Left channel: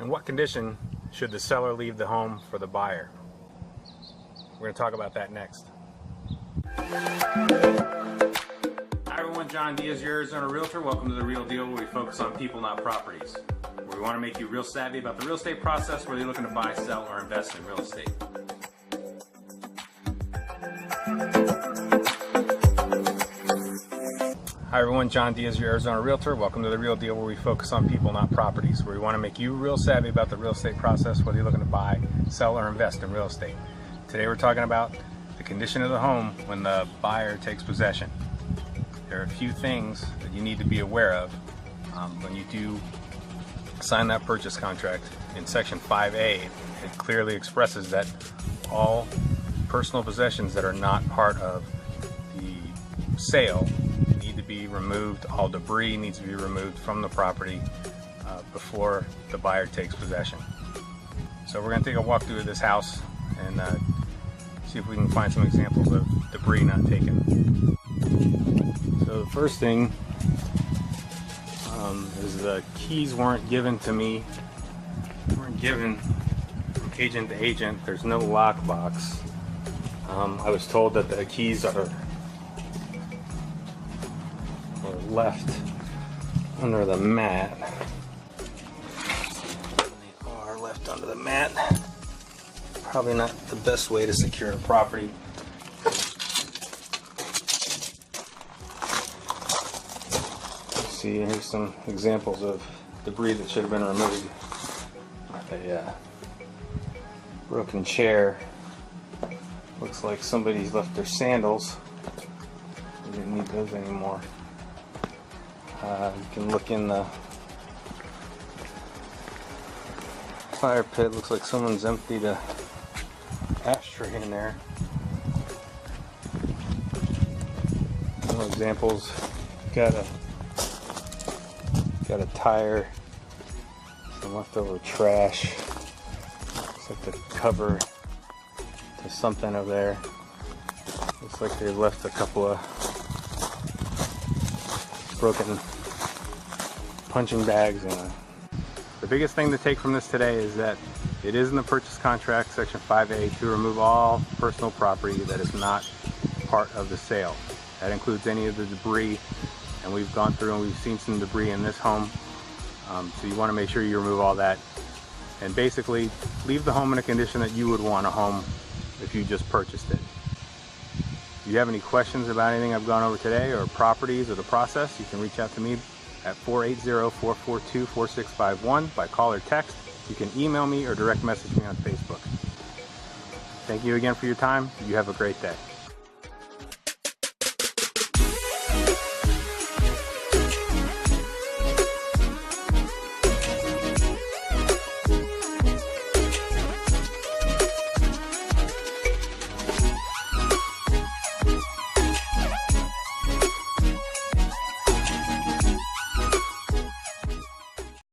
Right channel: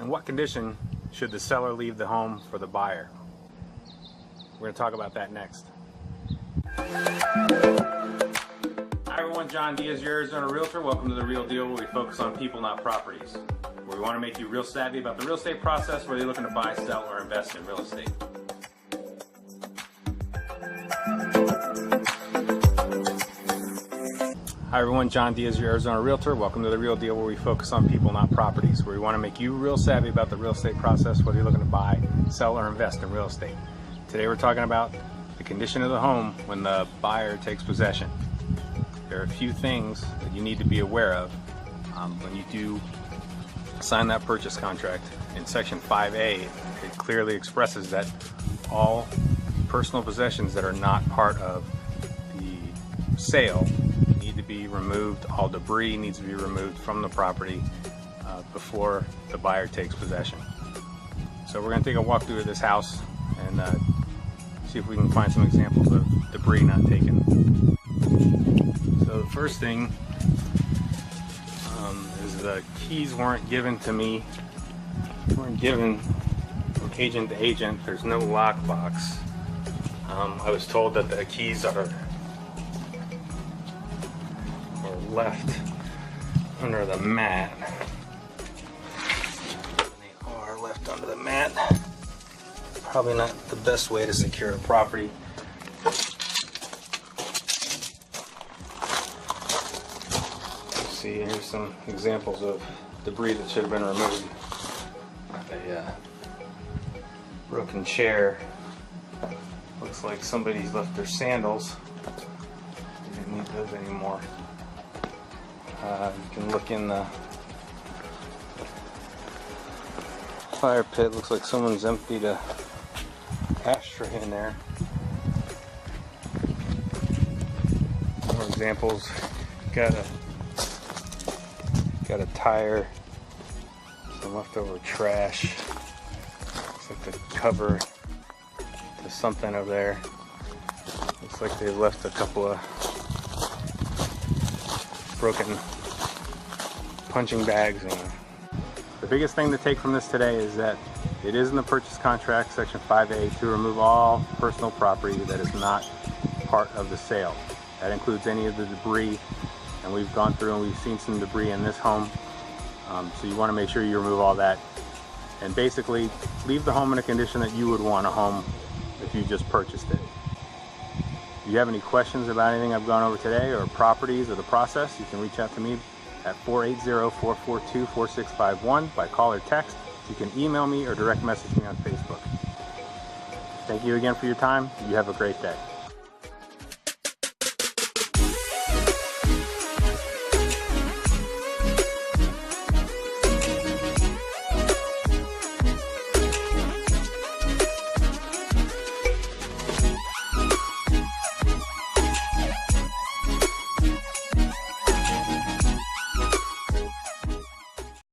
In what condition should the seller leave the home for the buyer? We're going to talk about that next. Hi everyone, John Diaz, your Arizona Realtor. Welcome to The Real Deal, where we focus on people, not properties. Where we want to make you real savvy about the real estate process, whether you're looking to buy, sell, or invest in real estate. Hi everyone, John Diaz, your Arizona Realtor. Welcome to The Real Deal, where we focus on people, not properties. Where we want to make you real savvy about the real estate process, whether you're looking to buy, sell, or invest in real estate. Today we're talking about the condition of the home when the buyer takes possession. There are a few things that you need to be aware of when you do sign that purchase contract. In section 5A, it clearly expresses that all personal possessions that are not part of the sale need to be removed. All debris needs to be removed from the property before the buyer takes possession. So we're going to take a walk through this house and see if we can find some examples of debris not taken. So the first thing is the keys weren't given to me. They weren't given from agent to agent. There's no lockbox. I was told that the keys are left under the mat. They are left under the mat. Probably not the best way to secure a property. See, here's some examples of debris that should have been removed. A broken chair. Looks like somebody's left their sandals. We don't need those anymore. You can look in the fire pit. Looks like someone's emptied a ashtray in there. More examples. Got a tire, some leftover trash. Looks like the cover to something over there. Looks like they left a couple of broken punching bags. The biggest thing to take from this today is that it is in the purchase contract, section 5A, to remove all personal property that is not part of the sale. That includes any of the debris, and we've gone through and we've seen some debris in this home. So you want to make sure you remove all that and basically leave the home in a condition that you would want a home if you just purchased it. If you have any questions about anything I've gone over today, or properties or the process, you can reach out to me at 480-442-4651 by call or text. You can email me or direct message me on Facebook. Thank you again for your time. You have a great day.